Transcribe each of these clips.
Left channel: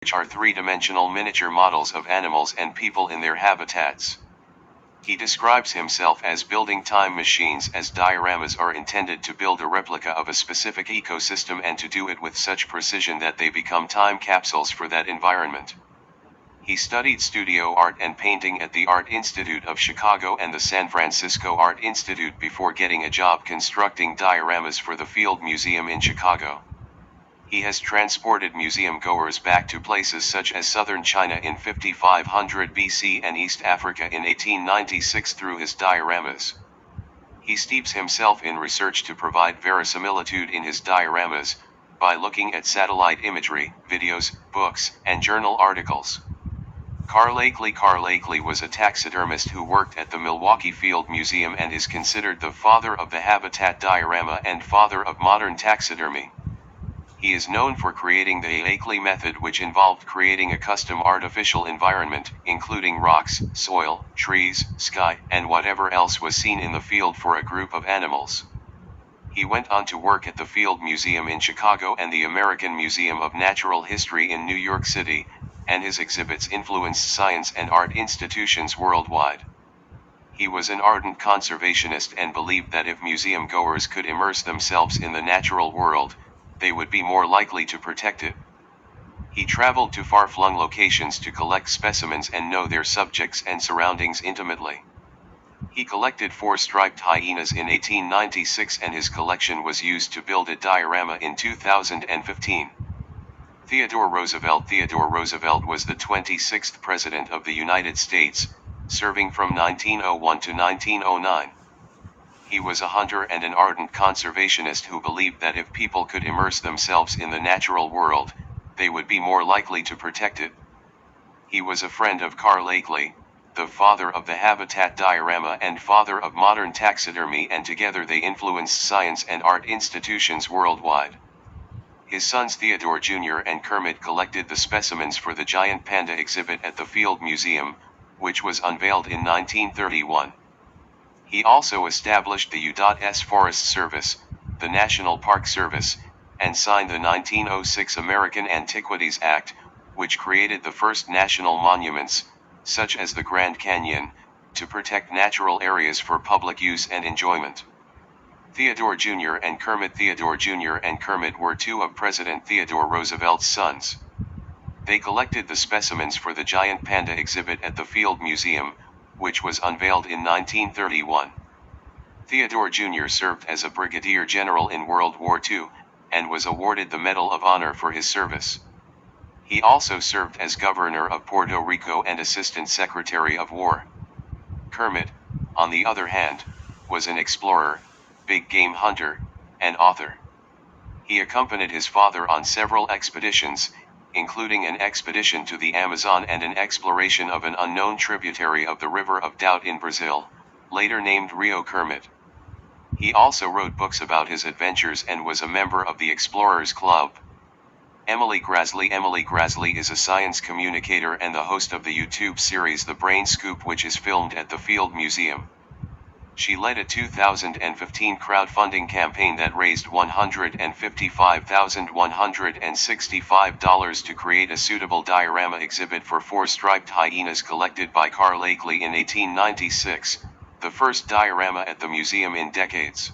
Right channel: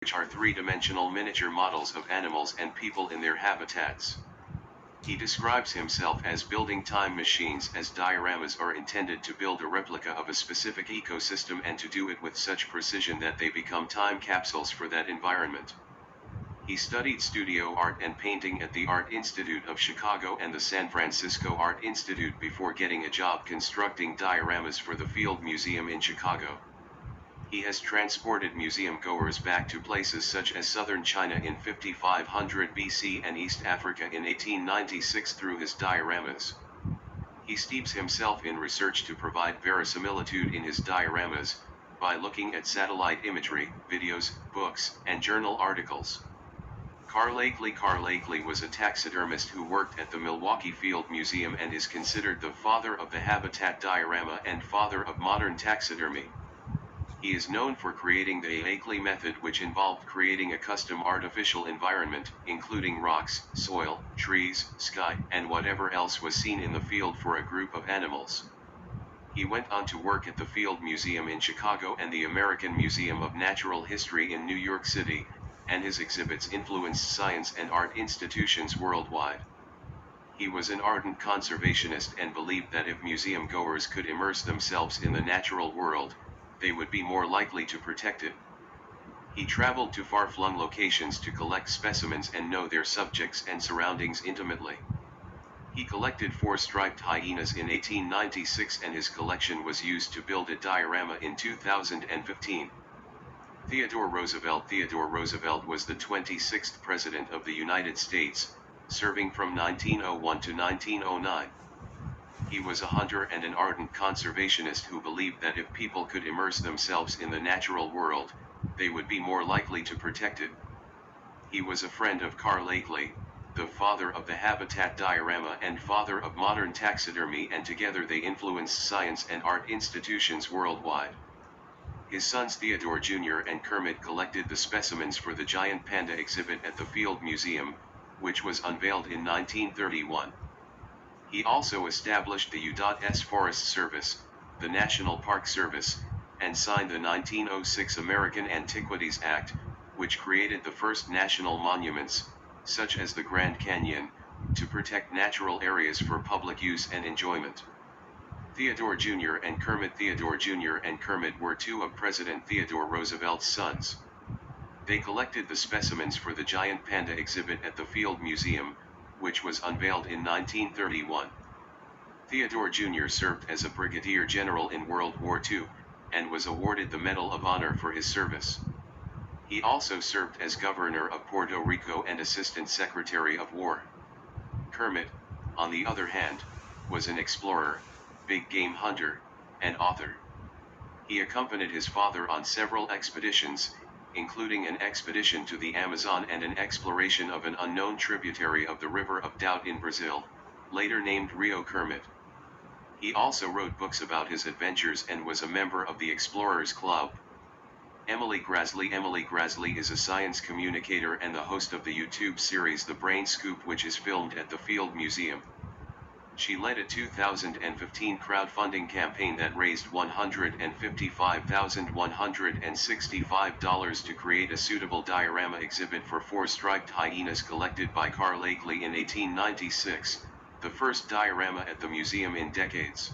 which are three-dimensional miniature models of animals and people in their habitats. He describes himself as building time machines, as dioramas are intended to build a replica of a specific ecosystem and to do it with such precision that they become time capsules for that environment. He studied studio art and painting at the Art Institute of Chicago and the San Francisco Art Institute before getting a job constructing dioramas for the Field Museum in Chicago. He has transported museum goers back to places such as southern China in 5500 BC and East Africa in 1896 through his dioramas. He steeps himself in research to provide verisimilitude in his dioramas, by looking at satellite imagery, videos, books, and journal articles. Carl Akeley was a taxidermist who worked at the Milwaukee Field Museum and is considered the father of the habitat diorama and father of modern taxidermy. He is known for creating the Akeley method, which involved creating a custom artificial environment, including rocks, soil, trees, sky, and whatever else was seen in the field for a group of animals. He went on to work at the Field Museum in Chicago and the American Museum of Natural History in New York City, and his exhibits influenced science and art institutions worldwide. He was an ardent conservationist and believed that if museum goers could immerse themselves in the natural world, they would be more likely to protect it. He traveled to far-flung locations to collect specimens and know their subjects and surroundings intimately. He collected 4 striped hyenas in 1896 and his collection was used to build a diorama in 2015. Theodore Roosevelt was the 26th President of the United States, serving from 1901 to 1909. He was a hunter and an ardent conservationist who believed that if people could immerse themselves in the natural world, they would be more likely to protect it. He was a friend of Carl Akeley, the father of the habitat diorama and father of modern taxidermy, and together they influenced science and art institutions worldwide. His sons Theodore Jr. and Kermit collected the specimens for the giant panda exhibit at the Field Museum, which was unveiled in 1931. He also established the U.S. Forest Service, the National Park Service, and signed the 1906 American Antiquities Act, which created the first national monuments, such as the Grand Canyon, to protect natural areas for public use and enjoyment. Theodore Jr. and Kermit were 2 of President Theodore Roosevelt's sons. They collected the specimens for the giant panda exhibit at the Field Museum, which was unveiled in 1931. Theodore Jr. served as a brigadier general in World War II, and was awarded the Medal of Honor for his service. He also served as governor of Puerto Rico and assistant secretary of war. Kermit, on the other hand, was an explorer, big game hunter, and author. He accompanied his father on several expeditions, including an expedition to the Amazon and an exploration of an unknown tributary of the River of Doubt in Brazil, later named Rio Kermit. He also wrote books about his adventures and was a member of the Explorers Club. Emily Graslie is a science communicator and the host of the YouTube series The Brain Scoop, which is filmed at the Field Museum. She led a 2015 crowdfunding campaign that raised $155,165 to create a suitable diorama exhibit for 4 striped hyenas collected by Carl Akeley in 1896, the first diorama at the museum in decades.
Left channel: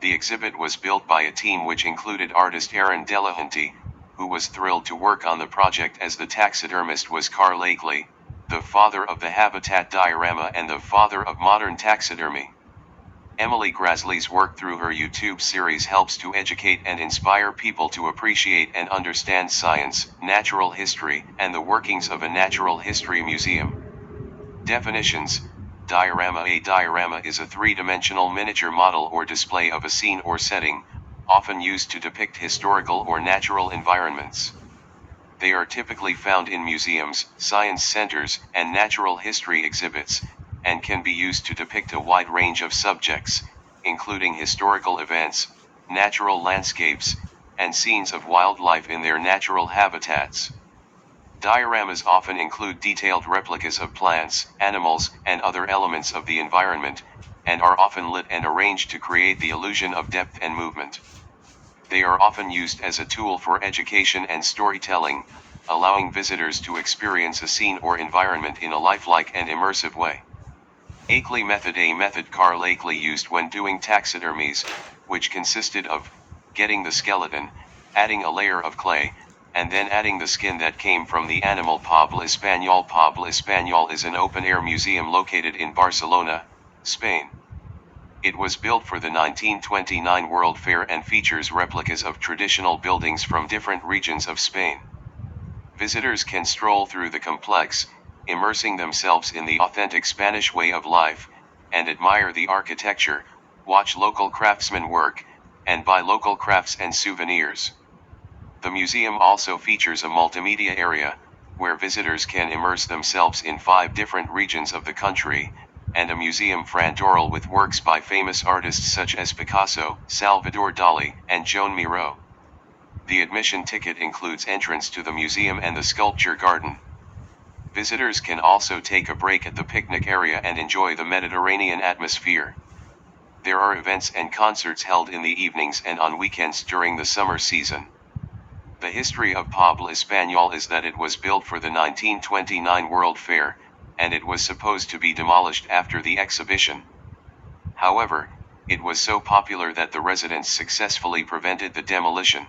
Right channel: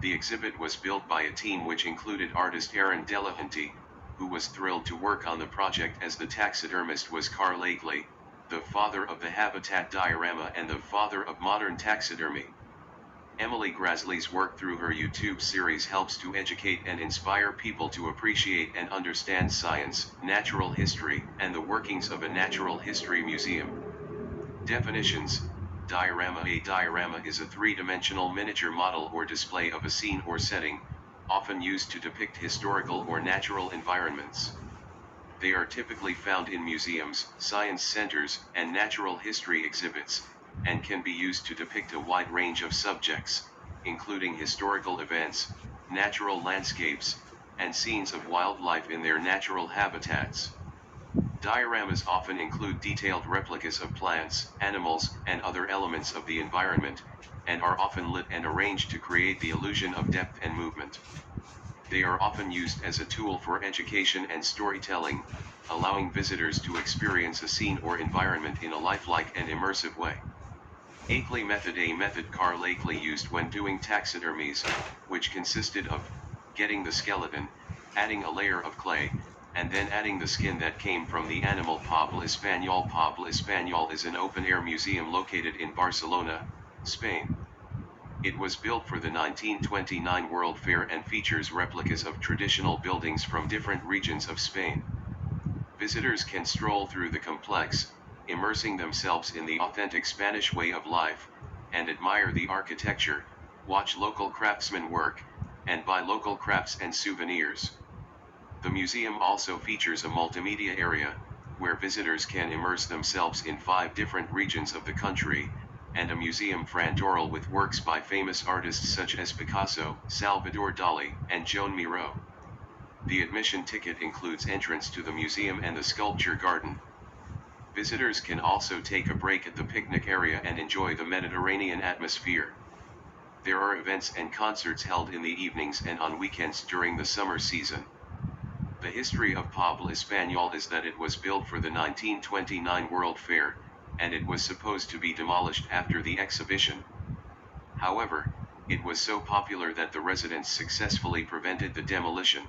The exhibit was built by a team which included artist Aaron Delahanty, who was thrilled to work on the project as the taxidermist was Carl Akeley, the father of the habitat diorama and the father of modern taxidermy. Emily Graslie's work through her YouTube series helps to educate and inspire people to appreciate and understand science, natural history, and the workings of a natural history museum. Definitions: diorama. A diorama is a three-dimensional miniature model or display of a scene or setting, often used to depict historical or natural environments. They are typically found in museums, science centers, and natural history exhibits, and can be used to depict a wide range of subjects, including historical events, natural landscapes, and scenes of wildlife in their natural habitats. Dioramas often include detailed replicas of plants, animals, and other elements of the environment, and are often lit and arranged to create the illusion of depth and movement. They are often used as a tool for education and storytelling, allowing visitors to experience a scene or environment in a lifelike and immersive way. Akeley method. A method Carl Akeley used when doing taxidermies, which consisted of getting the skeleton, adding a layer of clay, and then adding the skin that came from the animal. Pobla Español. Pobla Español is an open-air museum located in Barcelona, Spain. It was built for the 1929 World Fair and features replicas of traditional buildings from different regions of Spain. Visitors can stroll through the complex, immersing themselves in the authentic Spanish way of life, and admire the architecture, watch local craftsmen work, and buy local crafts and souvenirs. The museum also features a multimedia area, where visitors can immerse themselves in 5 different regions of the country, and a museum frontal with works by famous artists such as Picasso, Salvador Dali, and Joan Miró. The admission ticket includes entrance to the museum and the sculpture garden. Visitors can also take a break at the picnic area and enjoy the Mediterranean atmosphere. There are events and concerts held in the evenings and on weekends during the summer season. The history of Pobla Español is that it was built for the 1929 World Fair, and it was supposed to be demolished after the exhibition. However, it was so popular that the residents successfully prevented the demolition.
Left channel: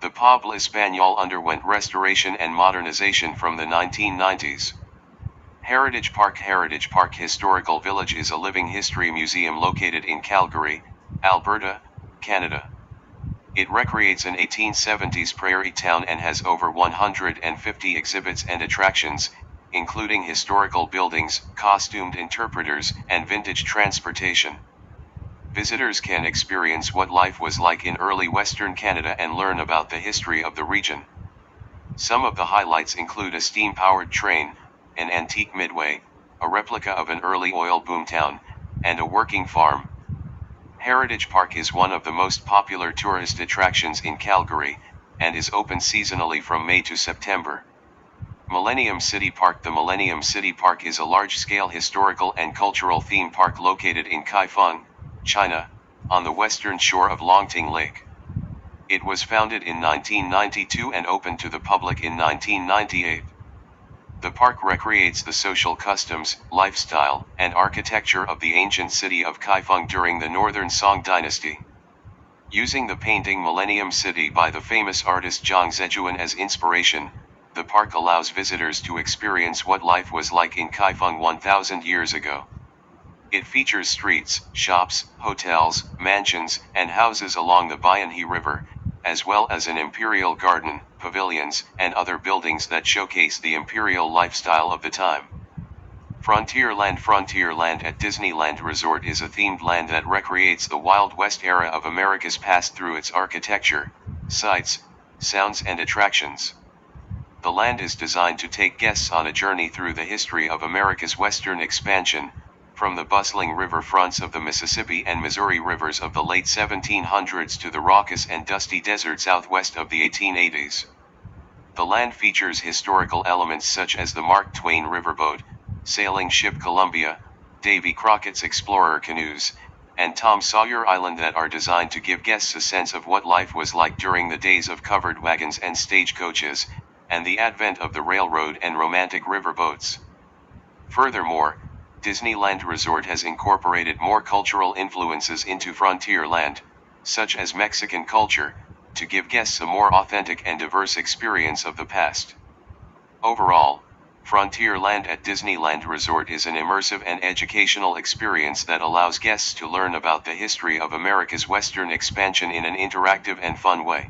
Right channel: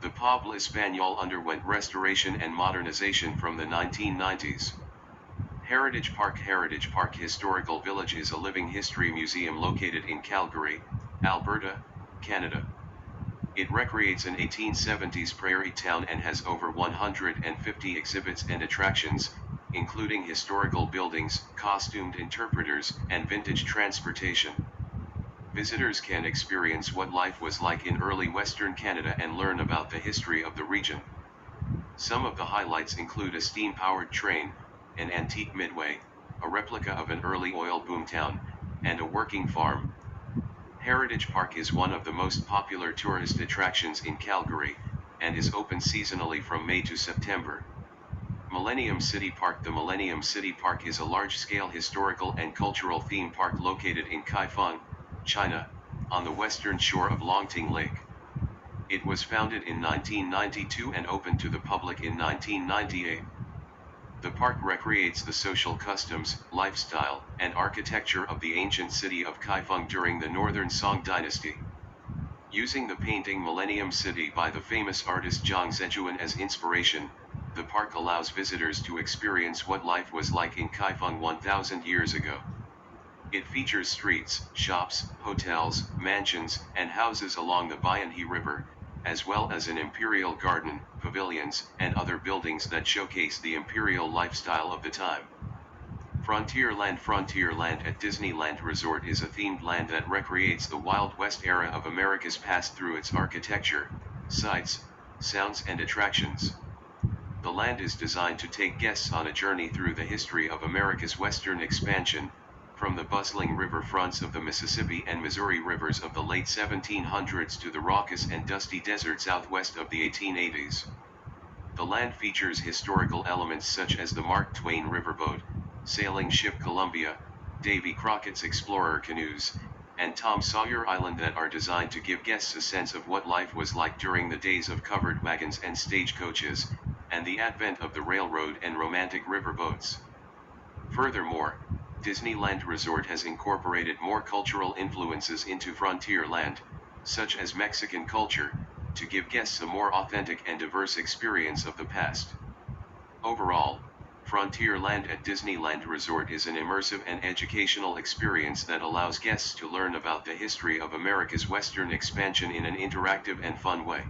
The Pobla Español underwent restoration and modernization from the 1990s. Heritage Park. Heritage Park Historical Village is a living history museum located in Calgary, Alberta, Canada. It recreates an 1870s prairie town and has over 150 exhibits and attractions, including historical buildings, costumed interpreters, and vintage transportation. Visitors can experience what life was like in early Western Canada and learn about the history of the region. Some of the highlights include a steam-powered train, an antique midway, a replica of an early oil boom town, and a working farm. Heritage Park is one of the most popular tourist attractions in Calgary, and is open seasonally from May to September. Millennium City Park. The Millennium City Park is a large-scale historical and cultural theme park located in Kaifeng, China, on the western shore of Longting Lake. It was founded in 1992 and opened to the public in 1998. The park recreates the social customs, lifestyle, and architecture of the ancient city of Kaifeng during the Northern Song dynasty. Using the painting Millennium City by the famous artist Zhang Zhejuan as inspiration, the park allows visitors to experience what life was like in Kaifeng 1,000 years ago. It features streets, shops, hotels, mansions, and houses along the Bianhe River, as well as an imperial garden, pavilions, and other buildings that showcase the imperial lifestyle of the time. Frontierland. Frontierland at Disneyland Resort is a themed land that recreates the Wild West era of America's past through its architecture, sights, sounds, and attractions. The land is designed to take guests on a journey through the history of America's western expansion, from the bustling riverfronts of the Mississippi and Missouri rivers of the late 1700s to the raucous and dusty desert southwest of the 1880s. The land features historical elements such as the Mark Twain riverboat, sailing ship Columbia, Davy Crockett's explorer canoes, and Tom Sawyer Island that are designed to give guests a sense of what life was like during the days of covered wagons and stagecoaches, and the advent of the railroad and romantic riverboats. Furthermore, Disneyland Resort has incorporated more cultural influences into Frontierland, such as Mexican culture, to give guests a more authentic and diverse experience of the past. Overall, Frontierland at Disneyland Resort is an immersive and educational experience that allows guests to learn about the history of America's western expansion in an interactive and fun way.